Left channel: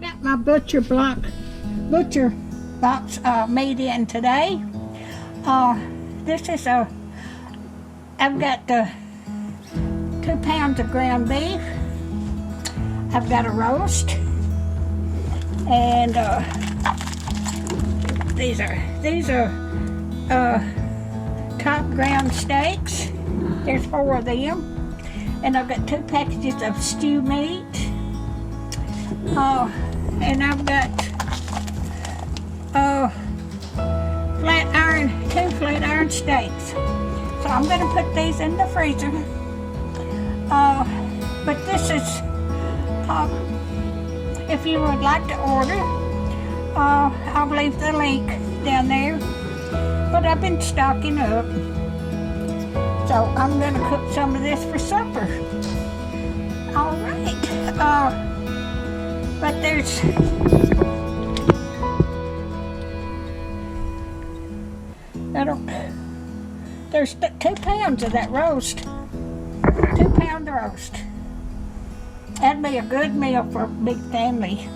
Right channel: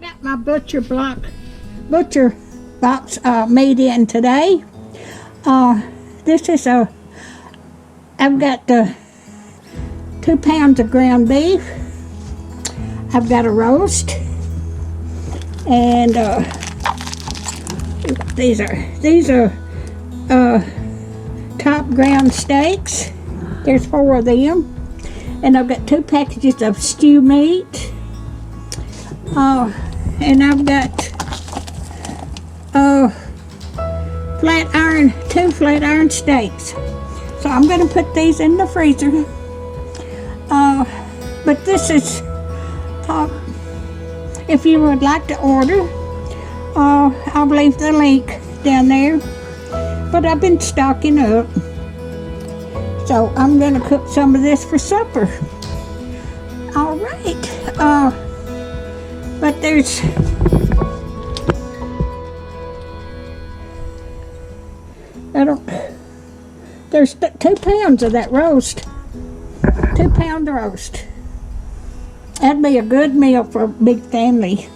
got my butcher box made in today. This is I've got 2 pounds of ground beef. I've got a roast, and these are top ground steaks. There's 4 of them. And I've got 2 packages of stew meat. And I've got 2 flat iron steaks. So I'm going to put these in the freezer. But this is, if you would like to order, I'll leave the link down there. But I've been stocking up. So I'm going to cook some of this for supper. All right. But there's there's 2 pounds of that roast. 2 pound roast. That'd be a good meal for a big family.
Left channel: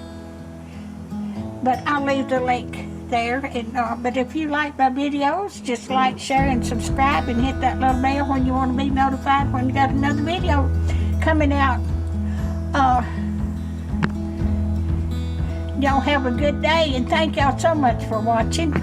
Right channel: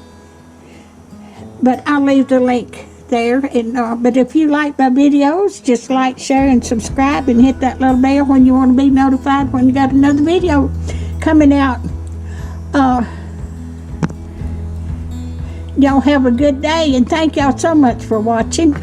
But I'll leave the link there. And but if you like my videos, just like, share, and subscribe, and hit that little bell when you want to be notified when you got another video coming out. Y'all have a good day, and thank y'all so much for watching.